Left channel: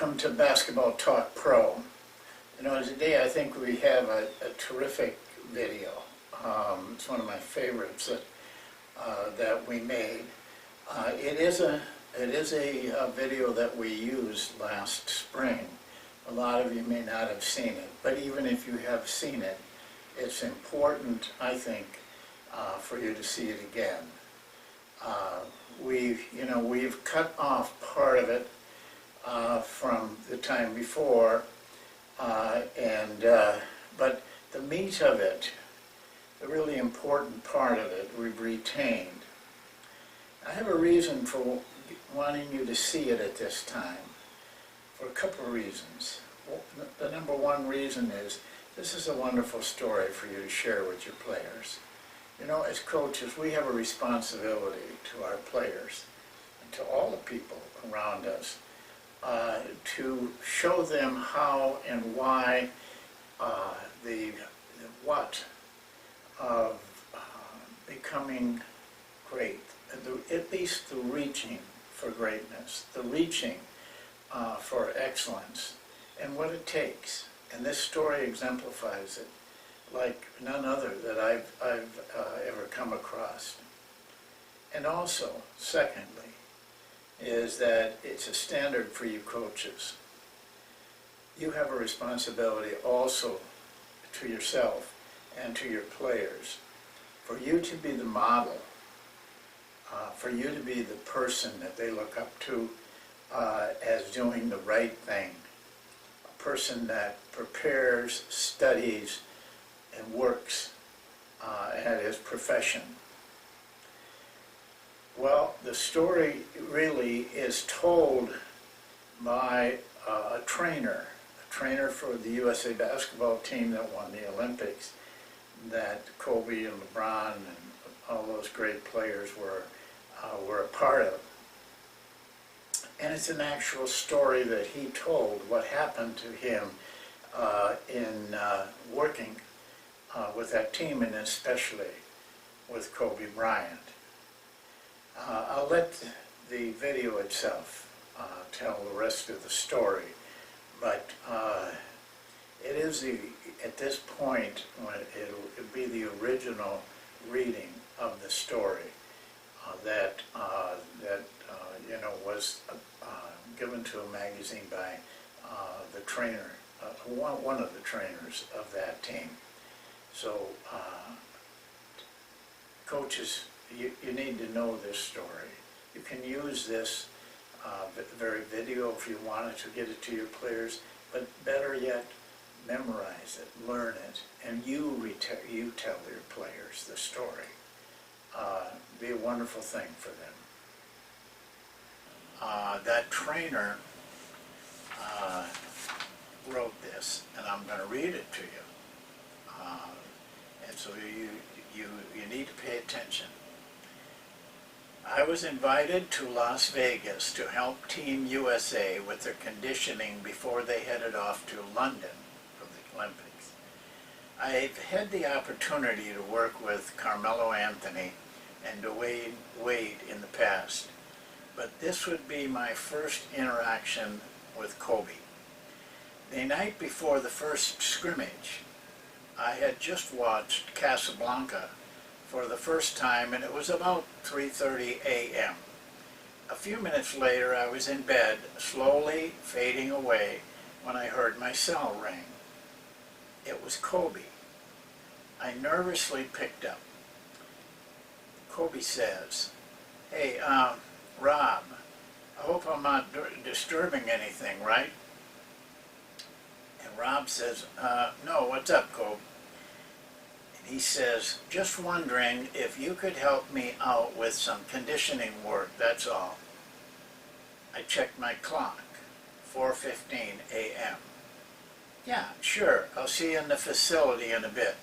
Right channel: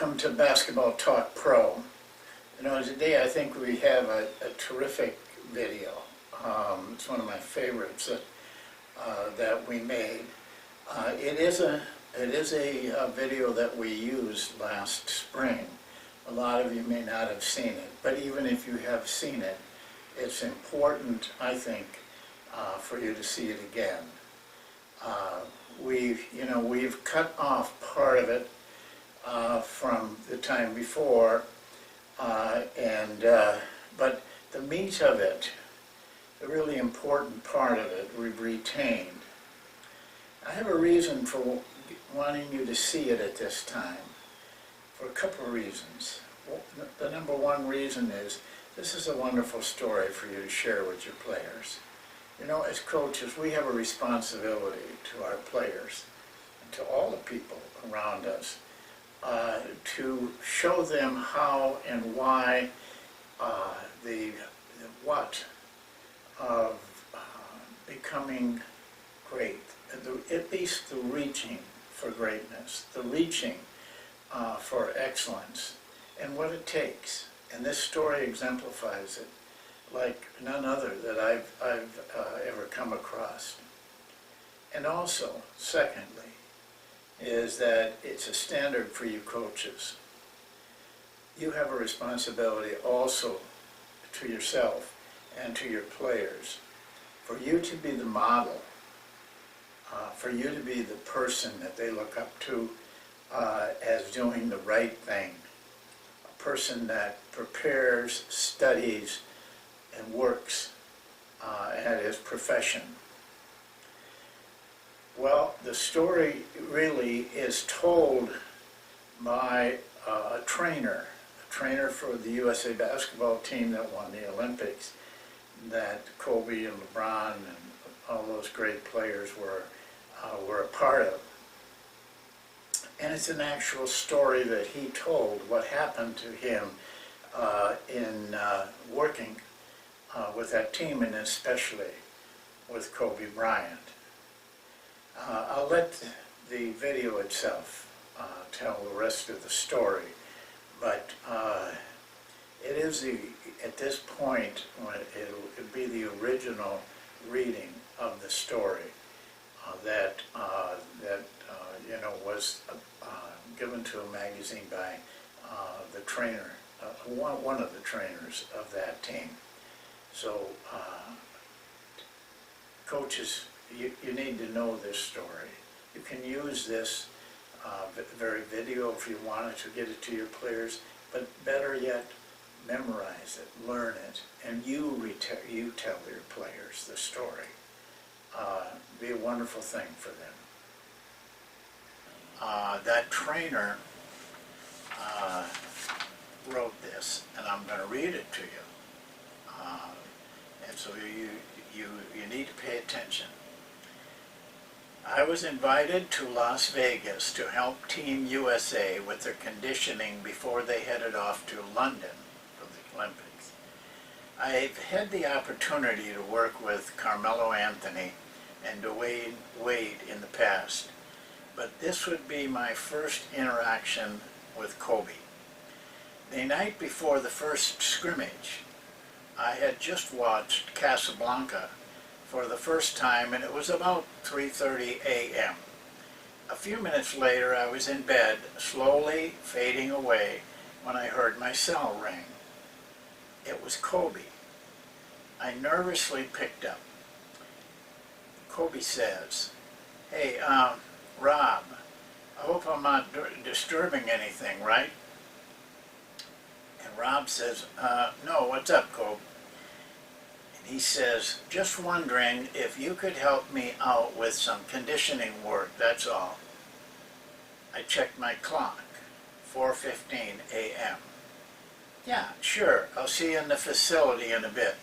welcome to Basketball Talk Pro. You know, today I think we have a terrific video. It's one of my favorites that we made. It is a video that we used last spring. A lot of you may not have seen it, but even if you have seen it, it's important, I think, for you to see it again. We've cut off part of it from the time before, but the meat of it, the really important part of it, we've retained. I have a reason for wanting you to see it at this time, for a couple of reasons. The number one reason is this is a wonderful story for you to share with your players. You know, as coaches, we have a responsibility to our players and to all the people around us to show them how and why the what of becoming great, at least the reaching for greatness, the reaching for excellence, and what it takes. And this story exemplifies it like none other that I've ever come across. And also, secondly, is that it's a standard for you coaches. You have a responsibility also to yourself and to your players for you to be the model, for you to be the person that they look up to as doing the right thing, a person that prepares, studies, and works at his profession. Well, the story really is told by a trainer for the USA basketball team that won the Olympics, that Kobe and LeBron and all those great players were a part of. And it's an actual story that he told, what happened to him in working with that team, and especially with Kobe Bryant. I'll let the video itself tell the rest of the story, but it is at this point when it'll be the original reading of the story that was given to a magazine by the trainer, one of the trainers of that team. So, coaches, you need to know this story. You can use this very video if you wanted to get it to your players, but better yet, memorize it, learn it, and you tell your players the story. Be a wonderful thing for them. That trainer wrote this, and I'm going to read it to you. And so you need to pay attention. I was invited to Las Vegas to help Team USA with their conditioning before they headed off to London for the Olympics. I've had the opportunity to work with Carmelo Anthony and Dwayne Wade in the past, but this would be my first interaction with Kobe. The night before the first scrimmage, I had just watched Casablanca for the first time, and it was about 3:30 a.m. A few minutes later, I was in bed, slowly fading away, when I heard my cell ring. It was Kobe. I nervously picked up. Kobe says, "Hey, Rob, I hope I'm not disturbing anything, right?" And Rob says, "No, what's up, Kobe?" He says, "Just wondering if you could help me out with some conditioning work, that's all." I checked my clock, 4:15 a.m. "Yeah, sure, I'll see you in the facility in a bit."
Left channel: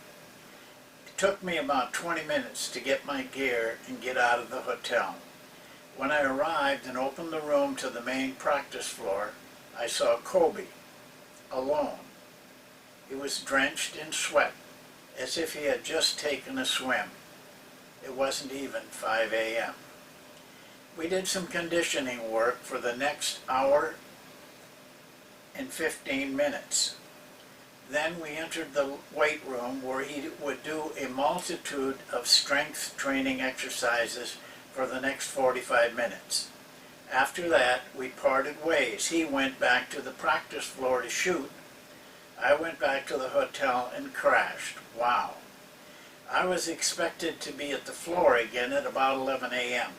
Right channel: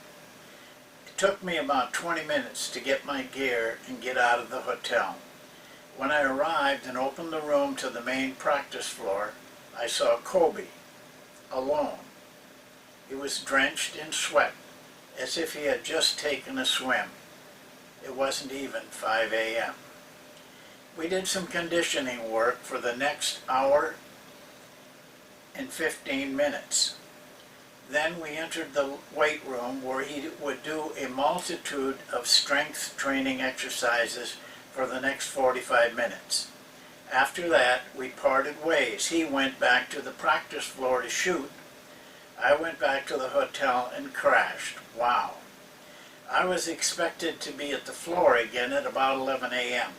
It took me about 20 minutes to get my gear and get out of the hotel. When I arrived and opened the room to the main practice floor, I saw Kobe, alone. He was drenched in sweat, as if he had just taken a swim. It wasn't even 5 a.m. We did some conditioning work for the next hour in 15 minutes. Then we entered the weight room where he would do a multitude of strength training exercises for the next 45 minutes. After that, we parted ways. He went back to the practice floor to shoot. I went back to the hotel and crashed. Wow. I was expected to be at the floor again at about 11 a.m.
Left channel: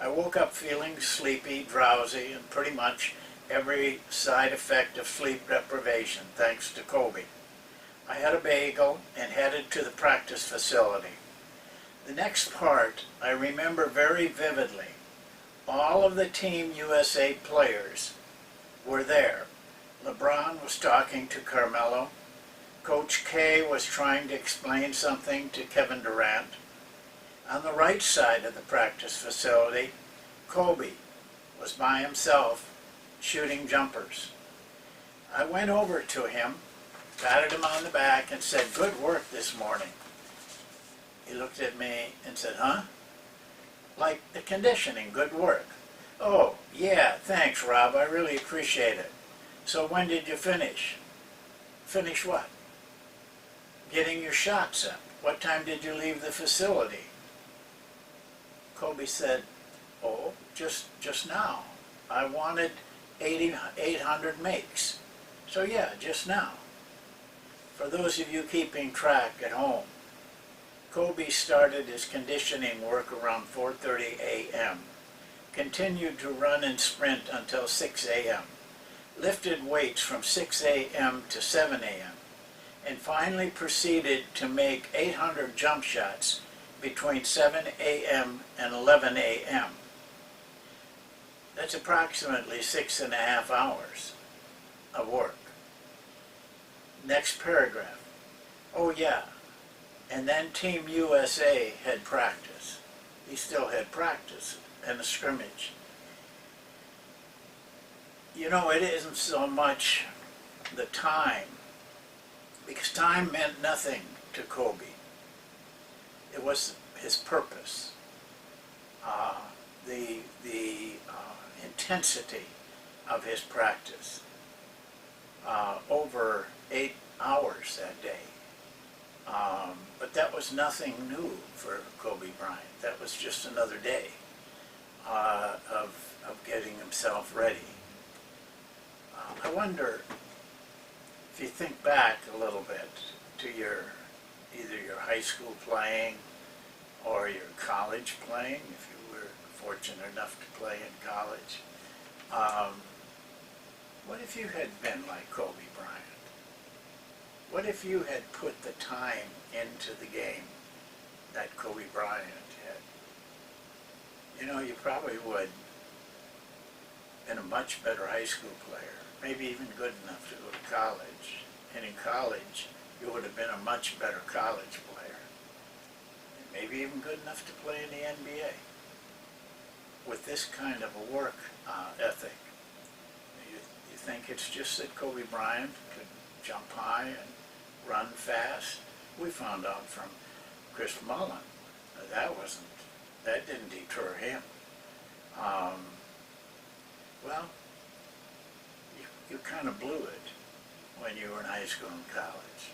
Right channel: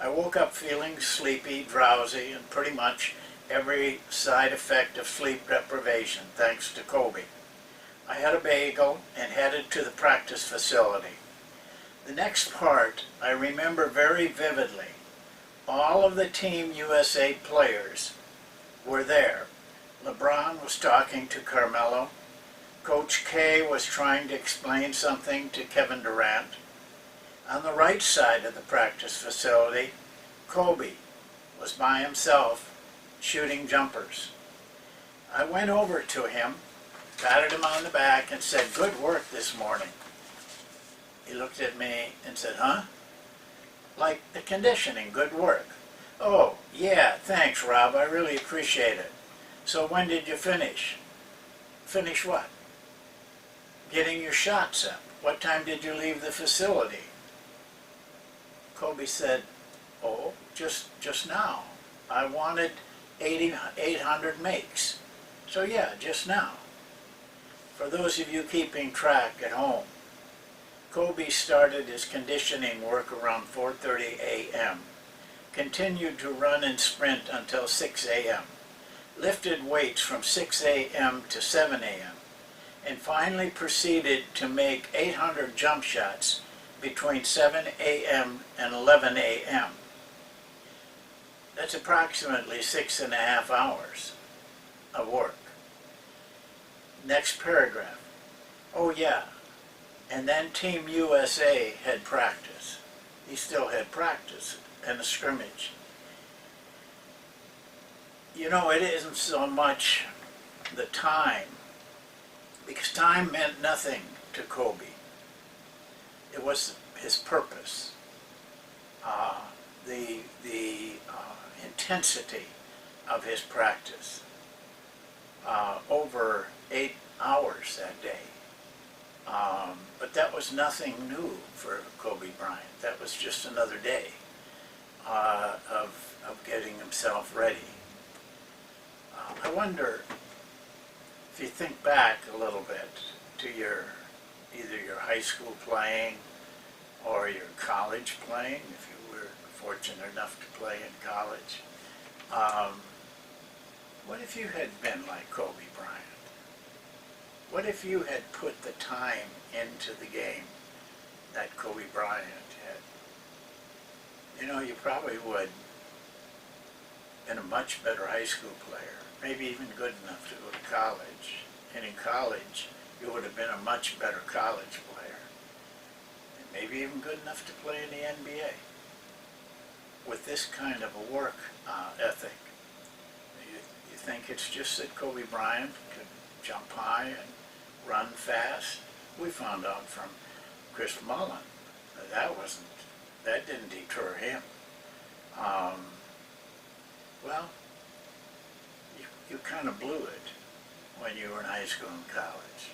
I woke up feeling sleepy, drowsy, and pretty much every side effect of sleep deprivation, thanks to Kobe. I had a bagel and headed to the practice facility. The next part I remember very vividly. All of the Team USA players were there. LeBron was talking to Carmelo. Coach K was trying to explain something to Kevin Durant. On the right side of the practice facility, Kobe was by himself shooting jumpers. I went over to him, patted him on the back, and said, "Good work this morning." He looked at me and said, "Huh?" "Like the conditioning, good work." "Oh, yeah, thanks, Rob. I really appreciate it. So when did you finish?" "Finish what?" "Getting your shots up. What time did you leave the facility?" Kobe said, "Oh, just now. I wanted 800 makes. So yeah, just now." For those of you keeping track at home, Kobe started his conditioning work around 4:30 a.m., continued to run and sprint until 6 a.m., lifted weights from 6 a.m. to 7 a.m., and finally proceeded to make 800 jump shots between 7 a.m. and 11 a.m. That's approximately 6.5 hours of work. Next paragraph. Oh yeah, and then Team USA had practice. He still had practice and a scrimmage. You know, it isn't so much the time, because time meant nothing to Kobe. It was his purpose, the intensity of his practice, over 8 hours that day. But that was nothing new for Kobe Bryant. That was just another day of getting himself ready. I wonder if you think back a little bit to either your high school playing or your college playing, if you were fortunate enough to play in college. What if you had been like Kobe Bryant? What if you had put the time into the game that Kobe Bryant had? You know, you probably would have been a much better high school player, maybe even good enough to go to college. And in college, you would have been a much better college player, and maybe even good enough to play in the NBA. With this kind of a work ethic, you think it's just that Kobe Bryant could jump high and run fast? We found out from Chris Mullen that didn't deter him. Well, you kind of blew it when you were in high school and college,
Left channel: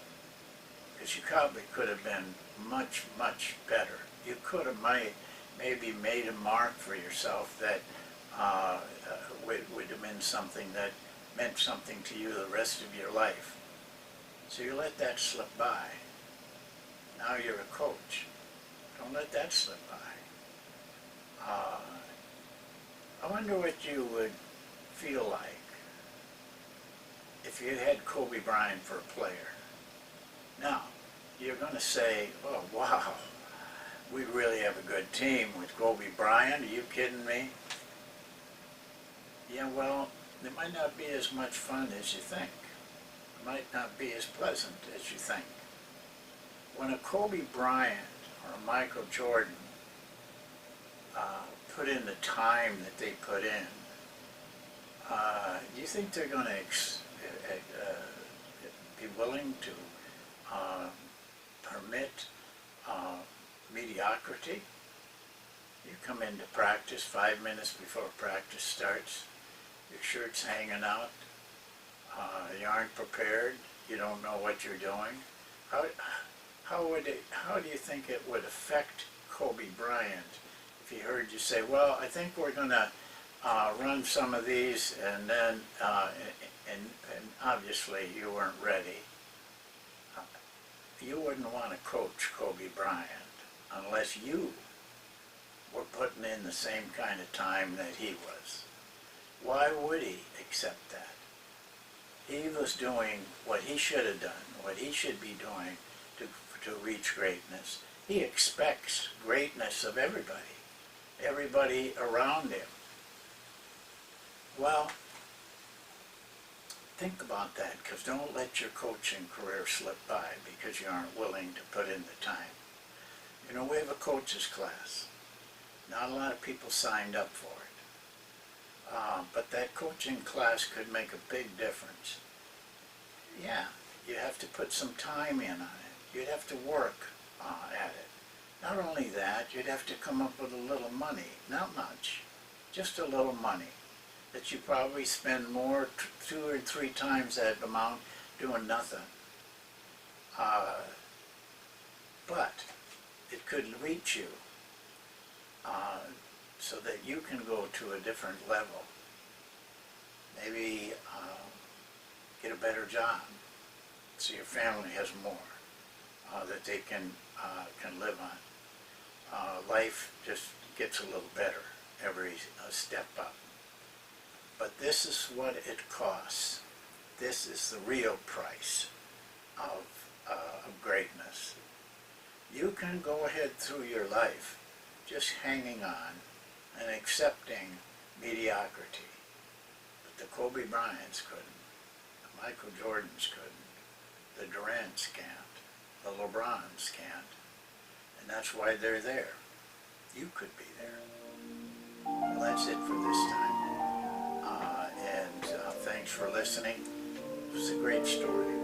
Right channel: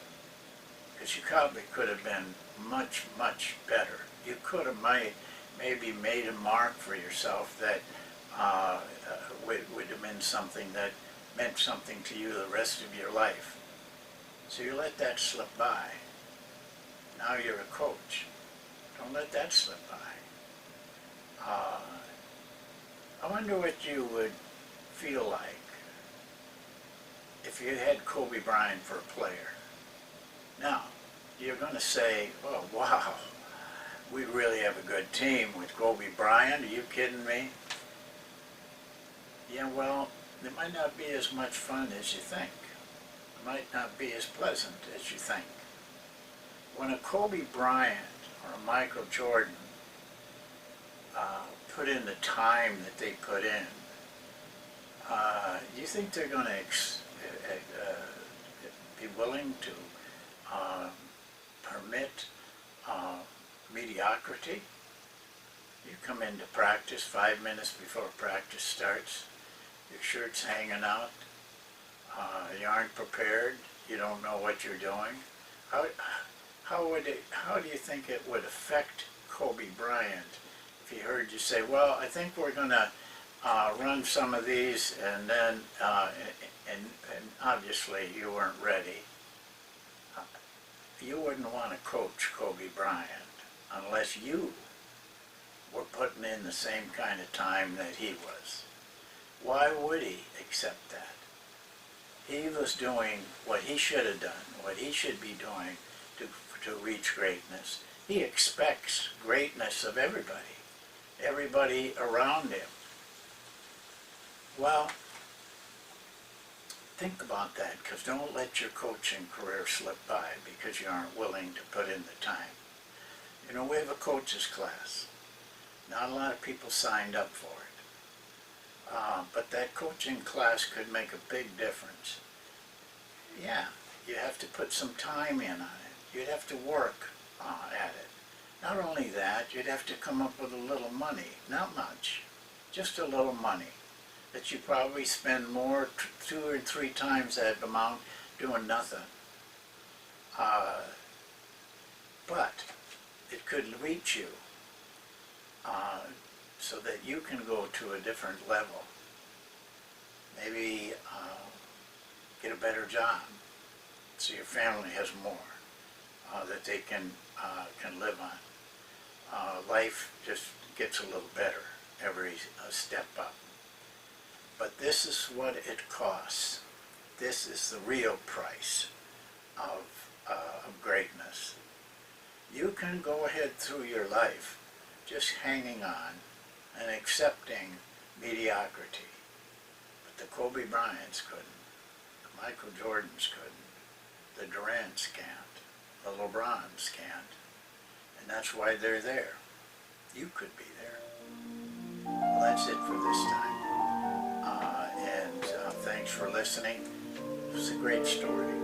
because you probably could have been much, much better. You could have maybe made a mark for yourself that would have been something that meant something to you the rest of your life. So you let that slip by. Now you're a coach. Don't let that slip by. I wonder what you would feel like if you had Kobe Bryant for a player. Now, you're going to say, "Oh, wow, we really have a good team with Kobe Bryant. Are you kidding me?" Yeah, well, it might not be as much fun as you think. It might not be as pleasant as you think. When a Kobe Bryant or a Michael Jordan put in the time that they put in, do you think they're going to be willing to permit mediocrity? You come into practice 5 minutes before practice starts, your shirt's hanging out, You aren't prepared. You don't know what you're doing. How, how do you think it would affect Kobe Bryant if he heard you say, well, I think we're going to run some of these, and then, and obviously you weren't ready. You wouldn't want to coach Kobe Bryant unless you were putting in the same kind of time that he was. Why would he accept that? He was doing what he should have done, what he should be doing to reach greatness. He expects greatness of everybody around him. Well, think about that, because don't let your coaching career slip by because you aren't willing to put in the time. You know, we have a coach's class. Not a lot of people signed up for it. But that coaching class could make a big difference. Yeah, you have to put some time in on it. You'd have to work at it. Not only that, you'd have to come up with a little money. Not much, just a little money that you probably spend more, 2 or 3 times that amount doing nothing. But it could reach you so that you can go to a different level. Maybe get a better job so your family has more that they can live on. Life just gets a little better every step up. But this is what it costs. This is the real price of greatness. You can go ahead through your life just hanging on and accepting mediocrity. But the Kobe Bryants couldn't. The Michael Jordans couldn't. The Durants can't. The LeBrons can't. And that's why they're there. You could be there. Well, that's it for this time. And thanks for listening. It was a great story.